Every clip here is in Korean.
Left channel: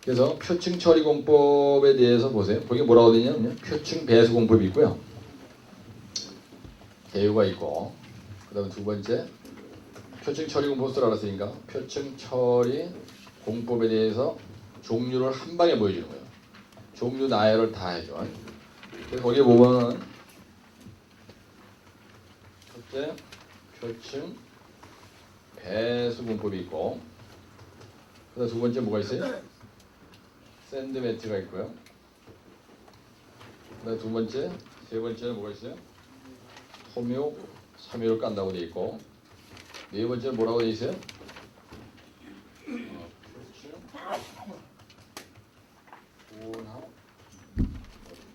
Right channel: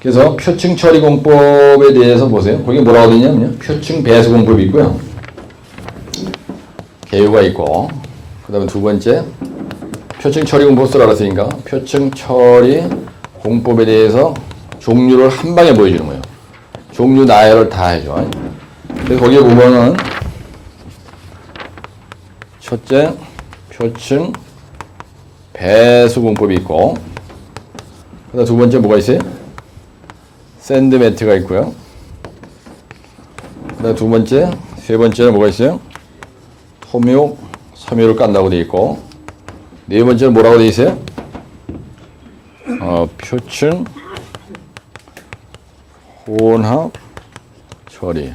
그래서 표층 처리 공법에 대해서 보세요. 거기 뭐라고 되냐면요. 표층 배수 공법이 있고요. 개요가 있고 그 다음에 두 번째 표층 처리 공법 쓰라 그랬으니까 표층 처리 공법에 대해서 종류를 한 방에 보여주는 거예요. 종류 나열을 다 해줘. 그래서 거기에 보면은 첫째 표층 배수 공법이 있고 그다음 두 번째 뭐가 있어요? 샌드 매트가 있고요. 두 번째 세 번째는 뭐가 있어요? 토묘 섬유를 깐다고 돼 있고 네 번째는 뭐라고 돼 있어요? 어, 표층 혼합 처리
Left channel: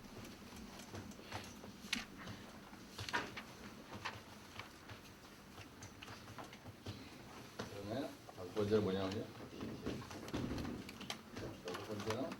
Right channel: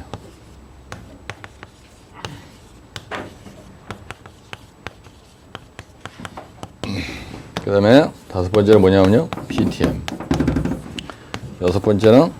그 다음에 다섯 번째는 뭐냐면요 PTM 여섯 번째는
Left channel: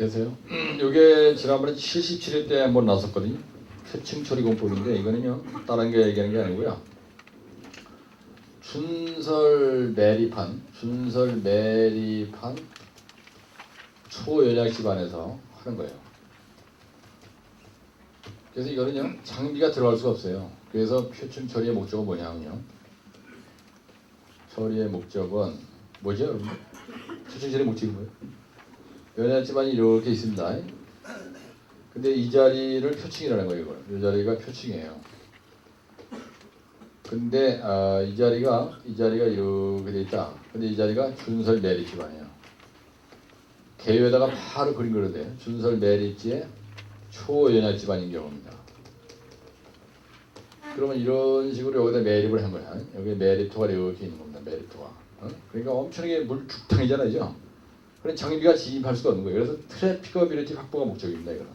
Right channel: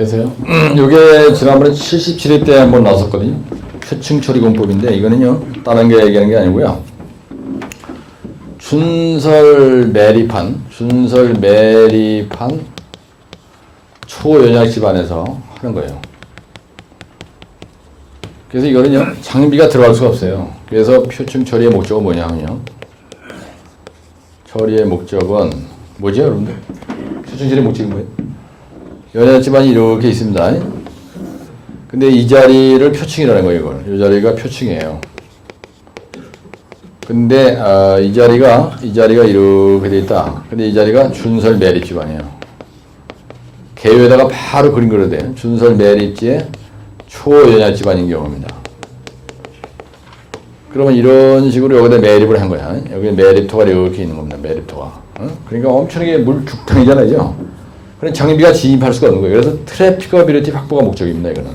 그래서요. 이게 지난번에 77회 때 한번 나왔었거든요. 표층 처리 공법인데 이거는요. 다른 게 얘기하는 게 아니고요. 준설 매립한 준설 매립한 초연약 집안에서 하는 거예요. 그래서 이거는요. 장비가 들어갈 수가 없어요. 그래서 표층 처리의 목적은 뭐냐 하면 처리의 목적은 뭐죠, 여러분들? 표층 처리의 목적이 뭐예요? 연애 집안이 이렇게 있습니다. 근데 이 자리를 표층이라는 거예요, 이걸. 이 자리가 표층이에요. 근데 아, 이 자리가 이 자리가 이렇게 돼 있다. 근데 이 자리가 준설 매립 집안이에요. 개요에다가 바로 그림 그려도 돼요. 준설 매립지의 초연약 집안인 경우입니다. 그러면 이런 식으로 여기다 매립을 한 거야. 여기 매립토가 이렇게 있는 겁니다. 매립토가. 어? 그러니까 엄청나게 물 죽탕이잖아요. 그런 장비가 진입할 수가 없는 거예요. 그래서 트래피커비리티 확보가 목적입니다. 이거는.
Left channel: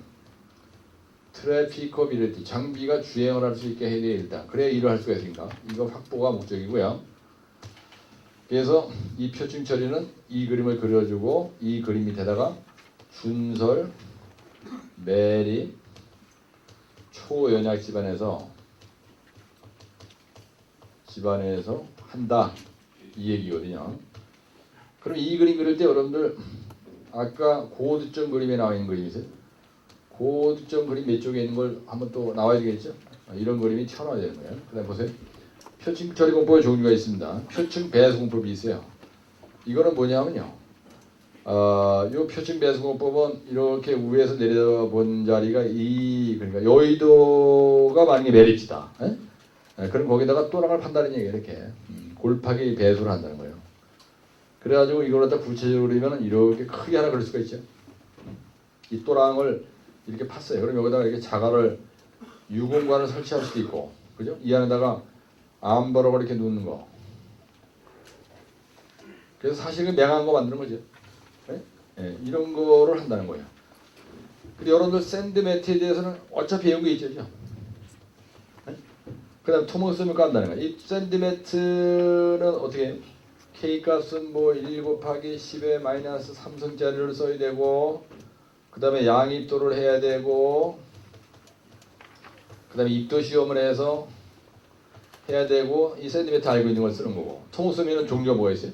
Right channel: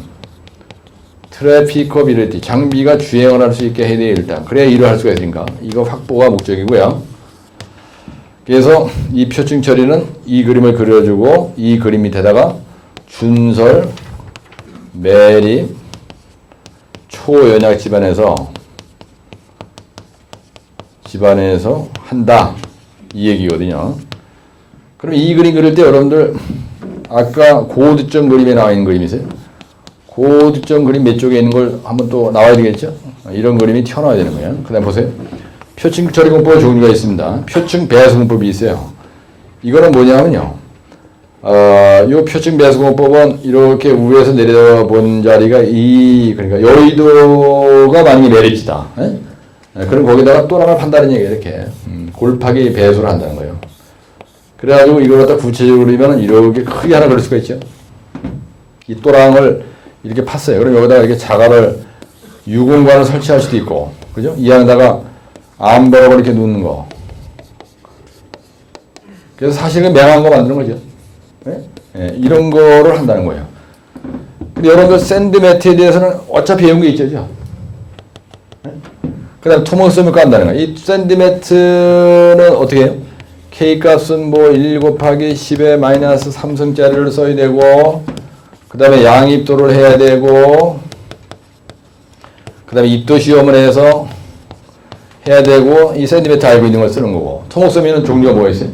트래피커비리티 장비가 주행을 할 수 있게 해야 돼요. 일단. 그래야 일을 할 수가 있으니까. 이거 확보가 목적이고요. 그래서 이 표층 처리는 이 그림을 그려주고 이 그림 밑에다가 준설, 매립, 초연약 집안에서 집안에서 한다 이 얘기거든요. 그럼 이 그림 그릴 때 여러분들 아까 고득점 그림에 나와 있는 그림이세요? 고득점 그림 몇 쪽에 있는 걸 한번 또 나와야 되겠죠? 이런 그림이 튀어나와야 되는 거예요. 그 다음 보세요. 표층 처리 공법 종류가 있습니다. 표층 배수 공법이 있어요. 이거는 뭐냐면요. 어, 요 표층 배수 공법은 이렇게 위에서 내려본 자리가 이 그러니까 여의도가 만약에 내리지다. 에? 예, 그럼 거기다가 또 하나 판다는 얘기예요. 이렇게 음, 골파기 배수를 한다는 거예요. 그래가지고 이걸 갖다 구체적으로 그리면 이렇게 크게 하나 그릴 수가 있죠. 이 또랑을 이렇게 팠어요. 그럼 여기다가 이렇게 자갈을 유공관을 설치할 수도 있고, 그죠? 이 안에다가 암버럭을 이렇게 놓는 거. 그래서 사실은 맹한 거 만드는 거죠. 예? 예, 이런 거를 한다는 거예요. 근데 여러분들 샌드 매트에 대해서는 어차피 배운 게 있죠. 그 다음 토목섬을 깐다는 거야. 이 샌드 매트는 어떻게 해요? K 값은 뭐 1 곱하기 10의 마이너스 3승짜리를 써야 되고, 그 다음에 양입도를 해야 되고, 그 다음에 입도 시험을 해서 해야 되고, 이 샌드매트 알고 있는 걸 쓰는 거고. 토목섬에는 종류가 뭐가 있어요?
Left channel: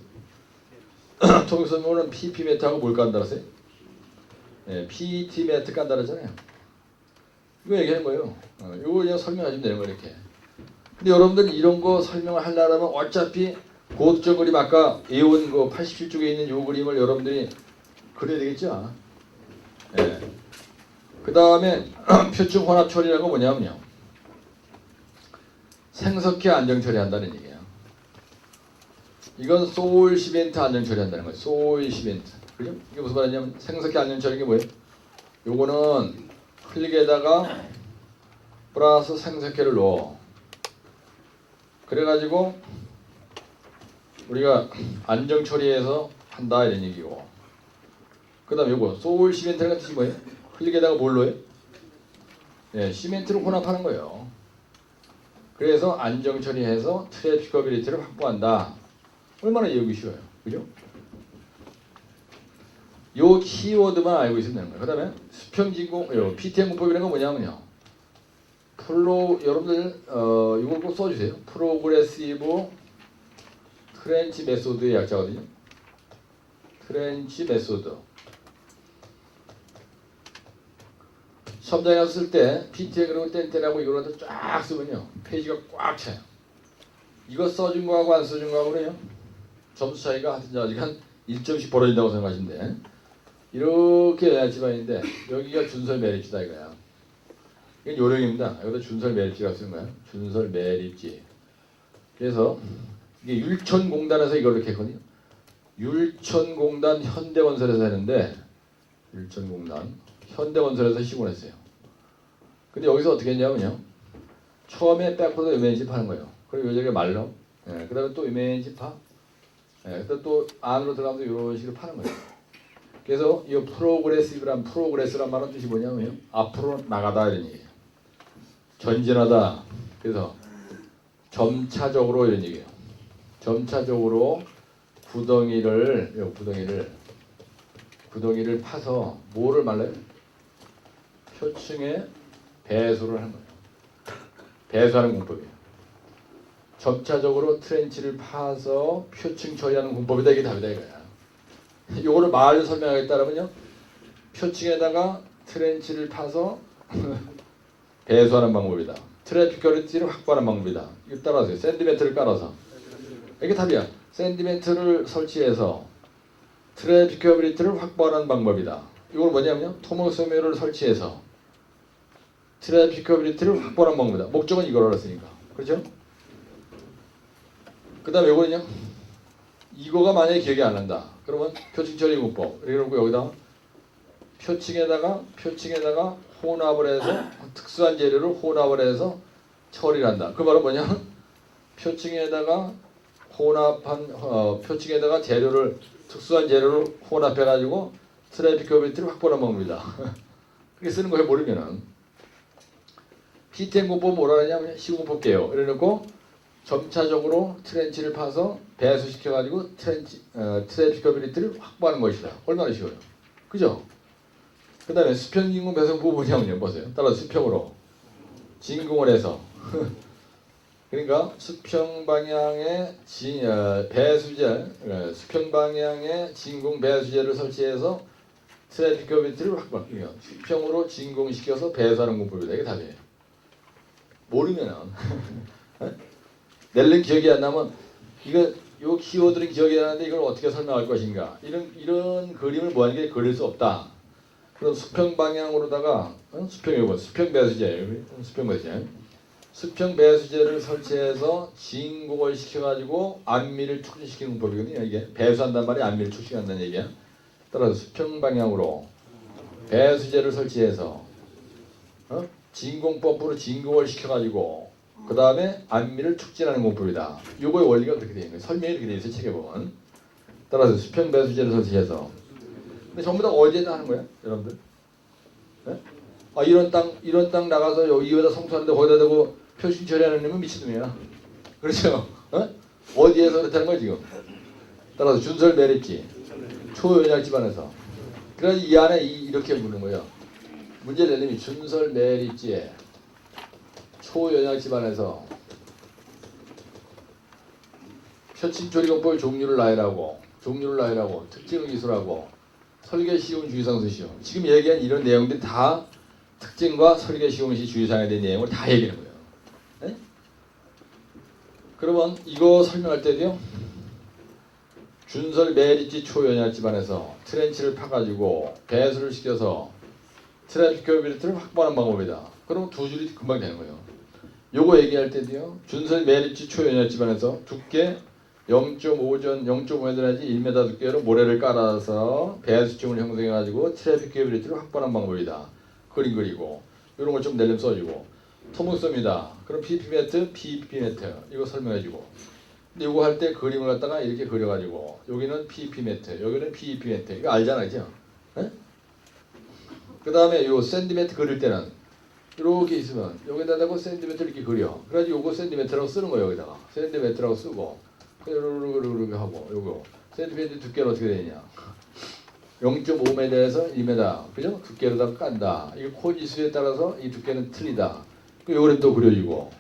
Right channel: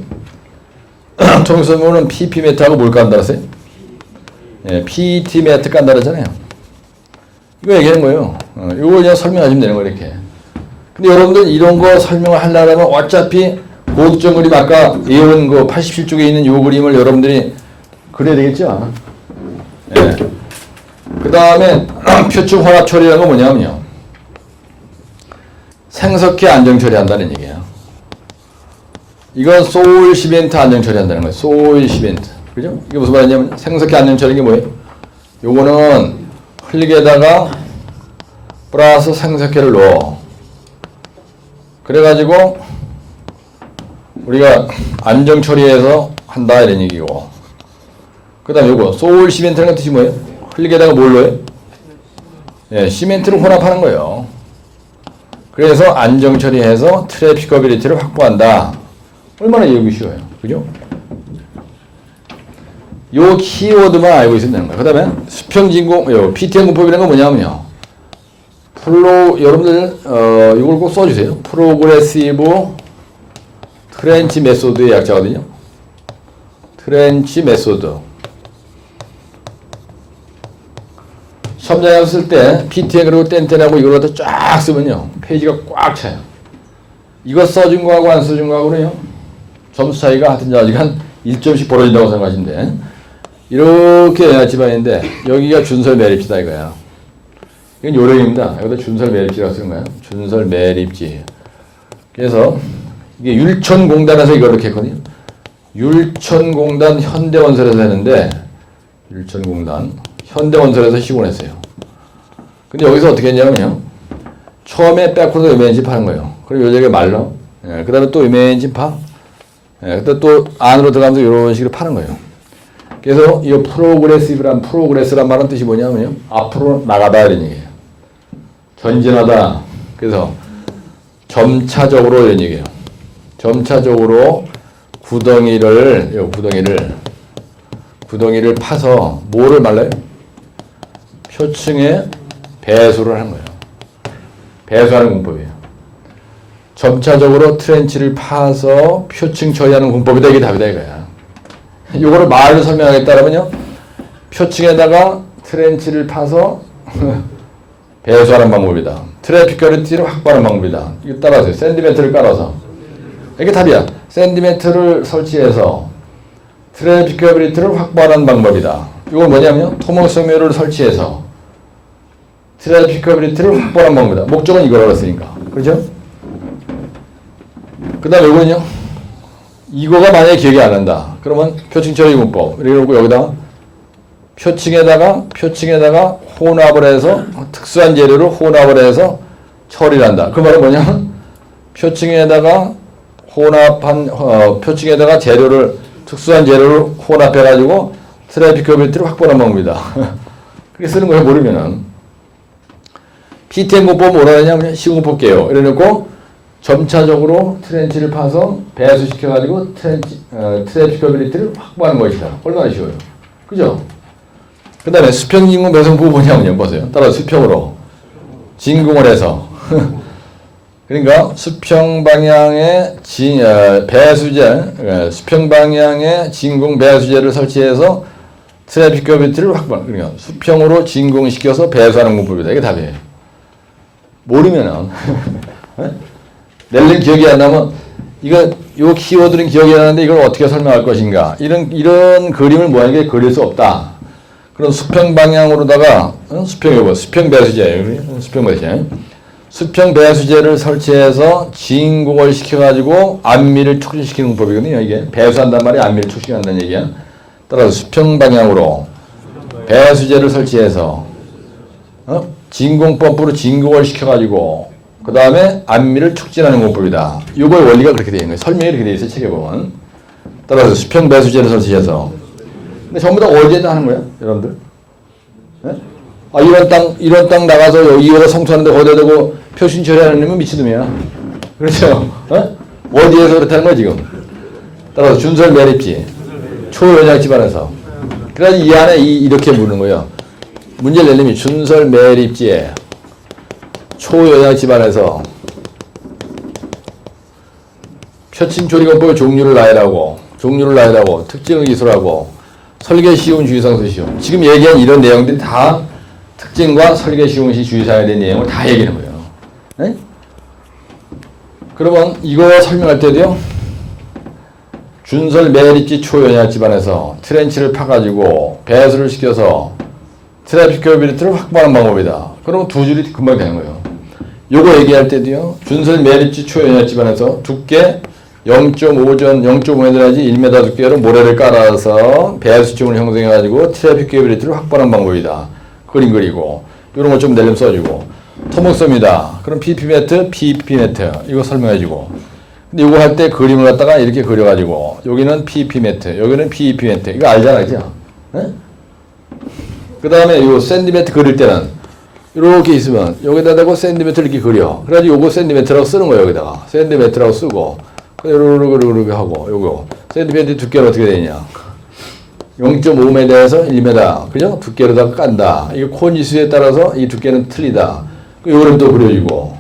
토목섬은 PP 매트하고 뭘 깐다 그랬어요? 예, PT 매트 깐다 그랬잖아요. 이거 얘기하는 거예요. 어, 이거 그냥 설명하시면 되는 거예요, 이렇게. 근데 여러분들 이런 거 설명을 하려면 어차피 고득점 그림 아까 예원 그 87쪽에 있는 요 그림을 여러분들이 그려야 되겠죠? 예. 그 다음에 표층 혼합 처리라는 건 뭐냐면요. 생석회 안정 처리한다는 얘기예요. 이건 소일 시멘트 안정 처리한다는 거예요. 소일 시멘트. 그죠? 이게 무슨 말이냐면 생석회 안정 처리는 게 뭐예요? 요거는 흙에다가 플러스 생석회를 넣어. 그래가지고 우리가 안정 처리해서 한다 이런 얘기고 그 다음 요거 소울 시멘트라는 뜻이 뭐예요? 흙에다가 뭘 넣어요? 예, 시멘트를 혼합하는 거예요 그래서 안정 처리해서 트래피커빌리티를 확보한다 얼마나 얘기 쉬워요 그죠? 요 키워드만 알고 있으면 되는 거예요 그 다음에 수평진공 요 PTM 공법이라는 건 뭐냐면요 프로 여러분들 어 이걸 꼭 써주세요. 프로그레시브 트렌치 메소드의 약자거든요. 트렌치 메소드. 시험장에 쓸때 PTN 그리고 땡땡하고 이걸 갖다 쫙 쓰면요 페이지가 꽉 차요. 이거 써준 거하고 안 써준 거하고는요 점수 차이가 하여튼 아직 한 1점씩 벌어진다고 생각하시면 돼. 이렇게 집안인데 여기가 준설 매립지다 이거야. 이건 요령입니다. 여기다 준설 매립지라고 쓰는 거예요. 준설 매립지. 그래서 이게 율천공단에서 이걸 이렇게 했거든요. 율천공단 현대건설에서 했는데 율천공단 현대건설에서 시공했어요. 근데 여기서 어떻게 했냐면요. 처음에 백코드 이메인지 파는 거예요. 그리고 요쪽에 말러. 예, 그 다음에 또 이메인지 파. 예, 그다음 또 안으로 들어가면서 이런 식으로 파는 거예요. 그래서 이 프로그레시브란 프로그레스란 말은 뜻이 뭐냐면요. 앞으로 나가다 이런 얘기예요. 전진하다. 그래서 점차적으로 이런 얘기예요. 점차적으로 구덩이를 요 구덩이를 구덩이를 파서 뭐를 말라요? 표층에 배수를 하는 거예요. 배수하는 공법이에요. 점차적으로 트렌치를 파서 표층 처리하는 공법이다 이게 답이다 이거야. 이거를 말로 설명하겠다면요. 표층에다가 트렌치를 파서 배수하는 방법이다. 트래픽 퀄리티를 확보하는 방법이다. 이거 따라하세요. 샌디멘트를 깔아서. 이게 답이야. 샌디멘트를 설치해서 트래픽 퀄리티를 확보하는 방법이다. 이건 뭐냐면요. 토목섬유를 설치해서 트래픽 퀄리티를 확보하는 방법이다. 목적은 이거라고 했으니까. 그렇죠? 그 다음에 이거는요. 이거가 만약에 기억이 안 난다. 그러면 표층 처리 문법. 이러고 여기다 표층에다가 표층에다가 혼합을 해서 특수한 재료를 혼합을 해서 처리를 한다. 그 말은 뭐냐? 표층에다가 혼합한 어, 표층에다가 재료를 특수한 재료를 혼합해 가지고 트래픽커빌리티를 확보하는 방법이다. 그렇게 쓰는 거예요. 모르면은 PTM 문법 뭐라 하냐면 쉬운 거 볼게요. 이래놓고 점차적으로 트렌치를 파서 배수시켜 가지고 트렌치 어, 트래픽커빌리티를 확보하는 것이다. 얼마나 쉬워요. 그죠? 그 다음에 수평 진공 배송 부분이냐면요. 보세요. 따라 수평으로 진공을 해서 그러니까 수평 방향의 진, 어, 배수제, 어, 수평 방향의 진공 배수제를 설치해서 트래픽 커비티를 확보하는 그러니까 수평으로 진공시켜서 배수하는 문법이다. 이게 답이에요. 모르면은 낼린 기억이 안 나면 이거 요 키워드는 기억이 나는데 이걸 어떻게 설명할 것인가 이런 이런 그림을 모양하게 그릴 수 없다. 그런 수평 방향으로다가 어? 수평 이거 수평 배수제 수평 배수제 수평 배수제를 설치해서 진공을 시켜가지고 안미를 촉진시키는 문법이거든요. 이게 배수한단 말이 안미를 촉진한다는 얘기야. 따라서 수평 방향으로 배수제를 설치해서 어? 진공 펌프로 진공을 시켜가지고 그 다음에 안미를 촉진하는 문법이다. 이거의 원리가 그렇게 되어 있는 거예요. 설명이 이렇게 되어 있어요. 책에 보면. 따라서 수평 배수제를 설치해서 근데 전부 다 어디에다 하는 거야, 여러분들? 네? 아, 이런 땅, 이런 땅 나가서 여기에다 성투하는데 거기다 대고 표신 처리하는 놈은 미친놈이야. 그렇죠? 어? 어디에서 그렇다는 거야, 지금? 따라서 준설 매립지. 초연약 집안에서. 그래서 이 안에 이, 이렇게 묻는 거예요. 문제를 내려면 준설 매립지에 초연약 집안에서 표침 조리건법의 종류를 나열하고, 종류를 나열하고, 특징을 기술하고, 설계 쉬운 주의사항 쓰시오. 지금 얘기한 이런 내용들이 다 특징과 설계 쉬운 시 주의사항에 대한 내용을 다 얘기하는 거예요. 네? 그러면 이거 설명할 때도요. 준설 매립지 초연약 집안에서 트렌치를 파가지고 배수를 시켜서 트래픽 커비리티를 확보하는 방법이다. 그럼 두 줄이 금방 되는 거예요. 요거 얘기할 때도요. 준설 매립지 초연약 집안에서 두께 0.5전 0.5m 내지 1m 두께로 모래를 깔아서 배수층을 형성해가지고 트래픽 케이블리티를 확보하는 방법이다. 그림 그리고 이런 거 좀 내려면 써주고 토목섬이다. 그럼 PP 매트, PP 매트 이거 설명해주고 근데 이거 할 때 그림을 갖다가 이렇게 그려가지고 여기는 PP 매트, 여기는 PEP 매트 이거 알잖아, 그죠? 그 다음에 이 샌드 매트 그릴 때는 이렇게 있으면 여기다 대고 샌드 매트 이렇게 그려. 그래가지고 요거 샌드 매트라고 쓰는 거예요, 여기다가 샌드 매트라고 쓰고. 요렇게 하고 요거 샌드베드 두께는 어떻게 되냐 0.5m에서 1m 그죠? 두께로다가 깐다 이게 코니수에 따라서 이 두께는 틀리다 요거는 또 그려주고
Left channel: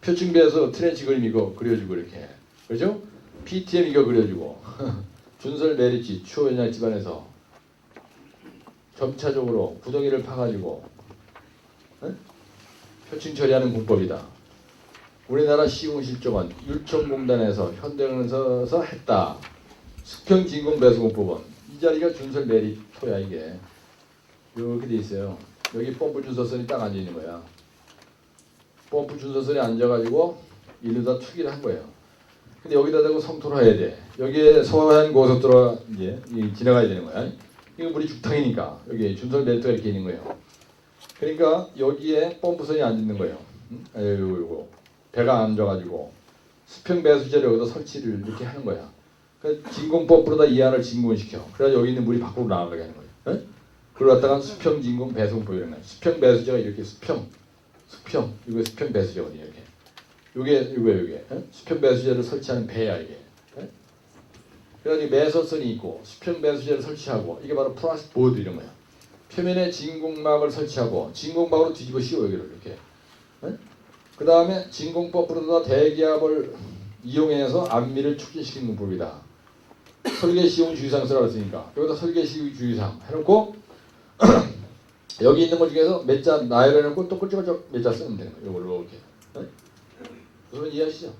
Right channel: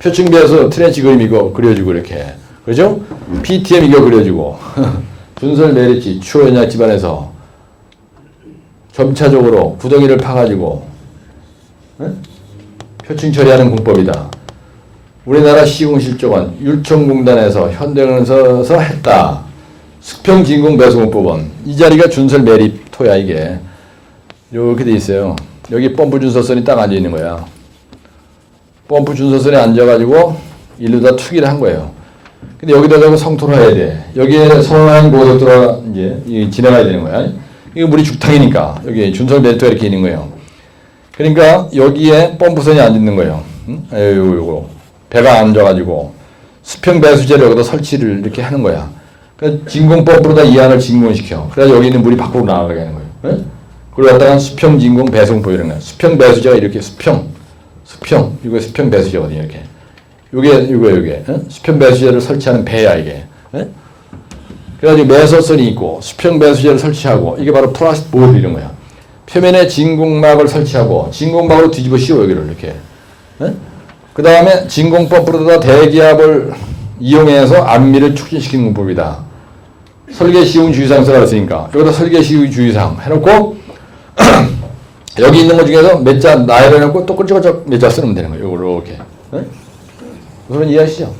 표층비에서 트렌치 그림 이거 그려주고 이렇게 그죠? PTM 이거 그려주고 준설 메리치 추연약 집안에서 점차적으로 구덩이를 파가지고 응? 표층 처리하는 공법이다 우리나라 시공실조관 율총공단에서 현대건설에서 했다. 수평진공 배수공법은 이 자리가 준설 매립 토야 이게 이렇게 돼 있어요. 여기 펌프 준설선이 딱 앉아 있는 거야. 펌프 준설선에 앉아가지고 일로 다 투기를 한 거예요. 근데 여기다가 성토를 해야 돼. 여기에 서해안 고속도로가 이제 진행해야 되는 거야. 이거 물이 죽탕이니까 여기 준설 매립토가 이렇게 있는 거예요. 그러니까 여기에 펌프선이 앉아 있는 거예요. 응? 요거. 배가 앉아가지고 수평 배수제를 여기다 설치를 이렇게 하는 거야. 그 진공법으로다 이 안을 진공시켜. 그래서 여기 있는 물이 밖으로 나가게 하는 거예요. 네? 그리고 갖다가 수평 진공 배송법 이런 거야. 수평 배수제가 이렇게 수평, 수평 이거 수평 배수제거든요. 이렇게. 요게 이거 네? 수평 배수제를 설치하는 배야 이게. 네? 그래가지고 매소선이 있고 수평 배수제를 설치하고 이게 바로 플라스틱 보드 이런 거야. 표면에 진공막을 설치하고 진공막으로 뒤집어 씌워 여기를 이렇게. 네? 그 다음에 진공펌프로다 대기압을 이용해서 안미를 촉진시키는 문법이다. 설계 쉬운 주의사항 써놨으니까 여기다 설계 쉬운 주의사항 해놓고 여기 있는 것 중에서 몇 자 나열해놓고 또 꿀쩍꿀쩍 몇자 쓰면 되는 거예요. 이렇게. 네? 그런 이해하시죠?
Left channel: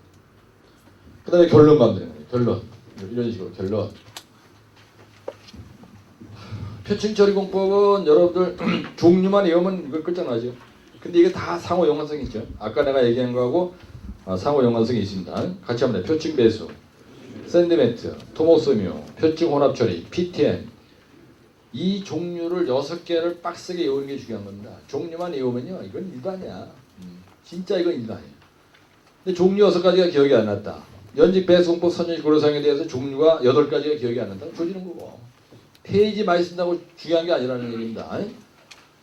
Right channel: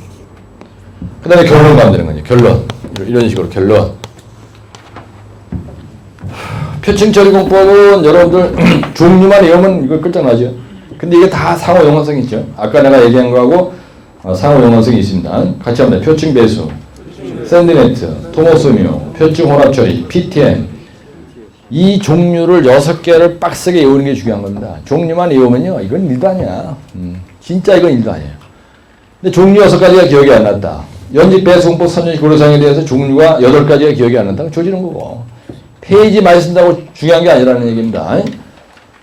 그 다음에 결론 만드는 거죠. 결론. 이런 식으로 결론. 표층 처리 공법은 여러분들 종류만 외우면 이거 끝장나죠. 근데 이게 다 상호 용어성이 있죠. 아까 내가 얘기한 거하고 어, 상호 용어성이 있습니다. 같이 합니다. 표층 배수, 샌드네트, 토모스미오, 표층 혼합 처리, PTM 이 종류를 여섯 개를 빡세게 외우는 게 중요한 겁니다. 종류만 외우면요, 이건 일도 아니야. 음, 진짜 이건 일도 아니에요. 근데 종류 여섯 가지가 기억이 안 났다. 연집 배송법 선전식 고려상에 대해서 종류가 여덟 가지가 기억이 안 난다. 조지는 거고. 페이지 많이 쓴다고 중요한 게 아니라는 얘기입니다.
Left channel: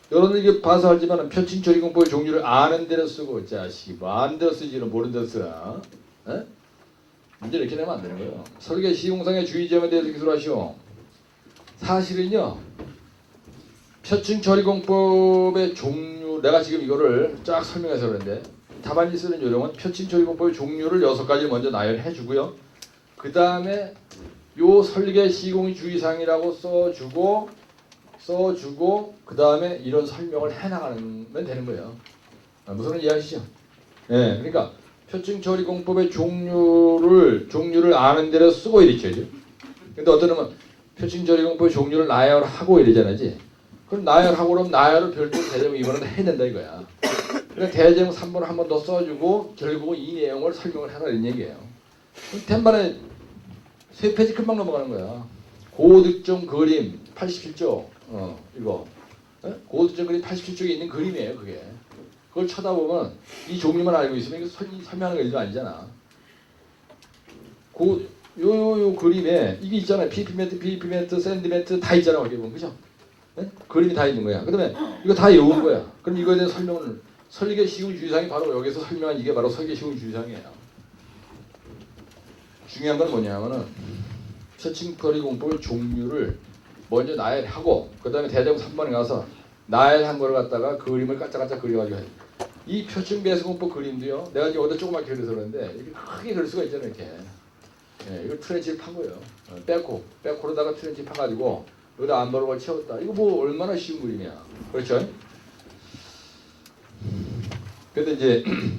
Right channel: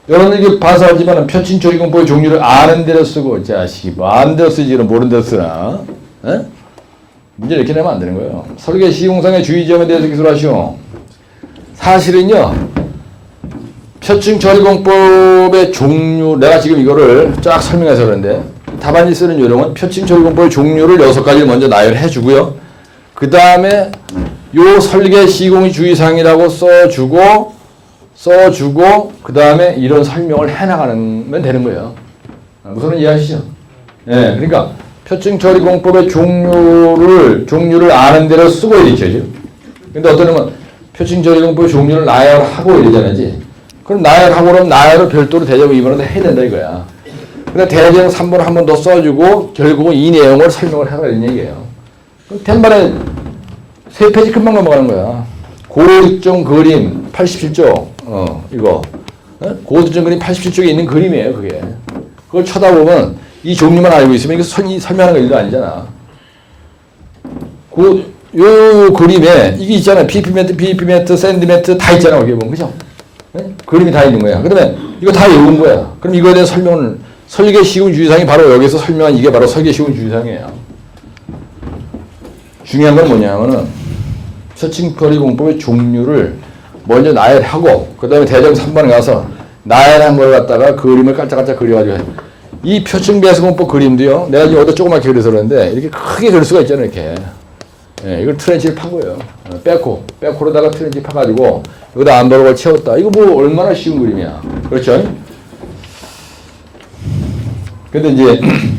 여러분들이 반사하지만 표친 조리공법의 종류를 아는 대로 쓰고 자식이 뭐 아는 대로 쓰지 는 모르는 대로 쓰나. 에? 문제 이렇게 내면 안 되는 거예요. 설계 시공상의 주의점에 대해서 기술하시오. 사실은요. 표층 처리공법의 종류 내가 지금 이거를 쫙 설명해서 그러는데 답안지 쓰는 요령은 표층 처리공법의 종류를 여섯 가지를 먼저 나열해 주고요. 그 다음에 요 설계 시공의 주의사항이라고 써주고 써주고 그 다음에 이런 설명을 해나가면 되는 거예요. 아, 무슨 이해하시죠? 예, 그러니까 표층 처리 공법의 종류를 종류를 아는 대로 쓰고 이렇게죠. 근데 어떤 놈은 표층 처리 공법의 종류를 나열하고 이러잖아지. 그럼 나열하고 그러면 나열을 별도로 대적 2번을 해야 된다 이거야. 근데 대적 3번을 한 번 더 써주고 결국은 이 내용을 설명을 하라 이런 얘기예요. 그럼 된반에 세 페이지 금방 넘어가는 거야. 고득점 그림 87쪽 어 이거 어? 고득점 그림 87쪽에 있는 그림이에요 그게. 그걸 쳐다보면 이 종류만 알고 있으면 이거 설, 설명하는 거 일도 아니잖아. 그, 요, 요 그림에 이게 있잖아. PP 매트, PP 매트, 샌드 매트 다 있잖아. 거기 보면 그죠? 네? 그림이 다 있는 거야. 그러면 이거 다 외운 거야. 그럼 이거에 대한 설명을 설계 시공 주의사항이 바로 여기서 설명한 이게 바로 설계 시공 주의사항이에요. 중요한 건 뭐냐면은 서칭거리 공법의 종류를 먼저 나열하고 그 다음에 대정 3번에 가서 나열한 걸 갖다가 그림을 깔짝깔짝 그려가지고 해. 이 표층 배수 공법 그림도요 내가 지금 어디 조그맣게 그려서 그러는데 이렇게 크게 그릴 수가 있잖아요 이렇게 예, 이걸 트렌치를 판 거예요 어, 빼코 빼코로다가 트렌치 파가지고 여기다 안바로를 채웠다 이거 뭐 얼마나 쉬운 그림이야 그렇죠? 근데 이제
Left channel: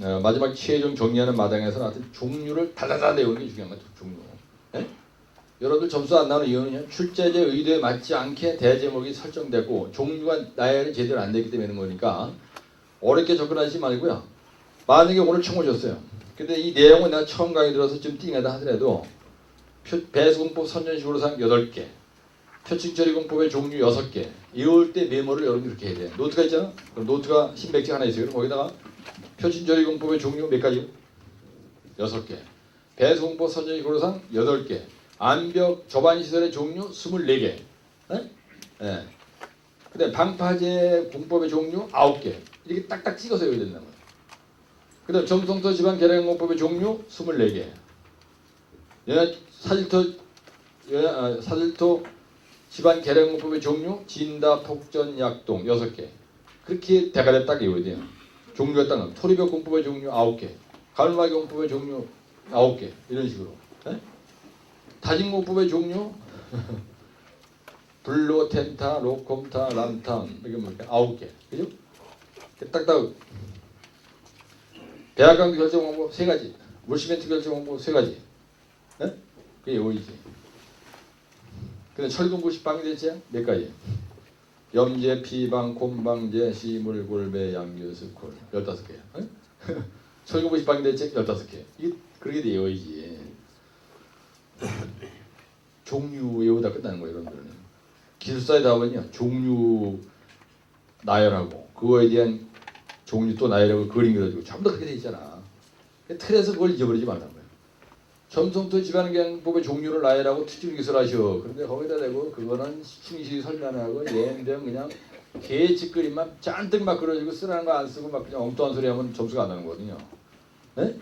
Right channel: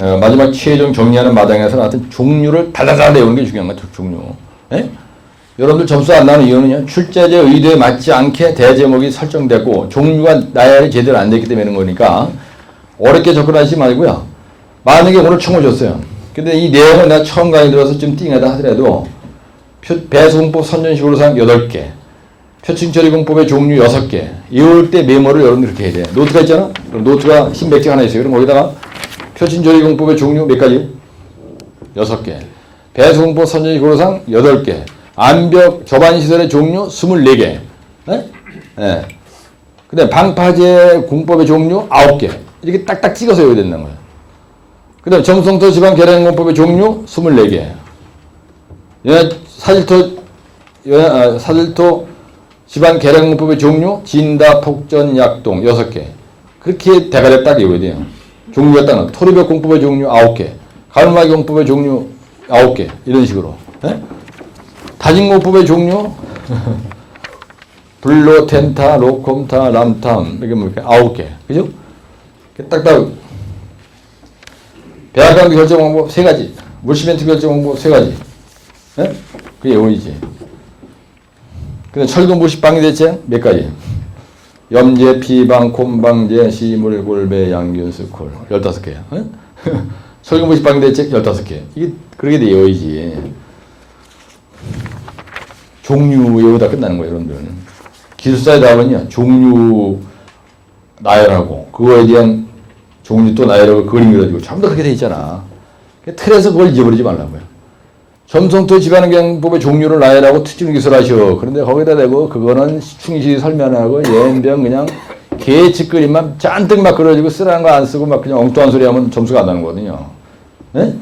어, 마지막 최종 정리하는 마당에서 나한테 종류를 달달달 내우는 게 중요한 거죠, 종류. 예? 여러분들 점수 안 나오는 이유는요, 출제제 의도에 맞지 않게 대제목이 설정되고 종류가 나열이 제대로 안 됐기 때문에 거니까 어렵게 접근하지 말고요. 만약에 오늘 총을 줬어요. 근데 이 내용을 내가 처음 강의 들어서 좀 띵하다 하더라도 표, 배송법 선전식으로상 8개, 표층 처리 공법의 종류 6개, 이럴 때 메모를 여러분들 그렇게 해야 돼. 노트가 있잖아? 그럼 노트가 흰백지 하나 있어요. 그럼 거기다가 표준조리공법의 종류 몇 가지? 여섯 개. 배수공법 선전식 고로상 여덟 개. 암벽 접안시설의 종류 스물네 개. 네? 네. 그 다음 방파제 공법의 종류 아홉 개. 이렇게 딱딱 찍어서 외워야 된다는 거예요. 그 다음 정성토 지방 계량공법의 종류 스물네 개. 예, 사질토, 예, 아, 사질토 지방 계량공법의 종류 진다, 폭전, 약동 여섯 개. 그렇게 대가리 딱 외워야 돼요. 종류가 따는 토리벽 공법의 종류 9개, 가르마기 공법의 종류 9개 이런 식으로 예? 다진공법의 종류 블로, 텐타, 로콤타, 람탐 이게 뭐 이렇게 9개 그죠? 딱딱 배합관계 결정 방법 세 가지 물시멘트 결정 방법 세 가지 예? 그게 오이지 근데 철근 부식 방위 대책 몇 가지 염제, 피방, 콤방제, 시물, 골배, 양균수, 콜. 15개야. 어? 설경부식 방대책 15개. 이게 그렇게 되어야지. 종류 여기다 끝나는 거예요, 여러분들은. 기술사에 나오면요, 종류 나열하고, 그거에 대한 종류 또 나열하고 그림 그려주고, 전부 다 그렇게 돼 있잖아. 그 틀에서 그걸 잊어버리지 말라고요. 점성토 지방경법의 종류를 나열하고 특징 기술하시오. 그런데 거기다 대고 그거는 충실히 설명하고 연병 그냥 개짓거리만 잔뜩 막 그려지고 쓰라는 거 안 쓰고 막 그냥 엉뚱한 소리 하면 점수가 안 나는 거거든요. 예?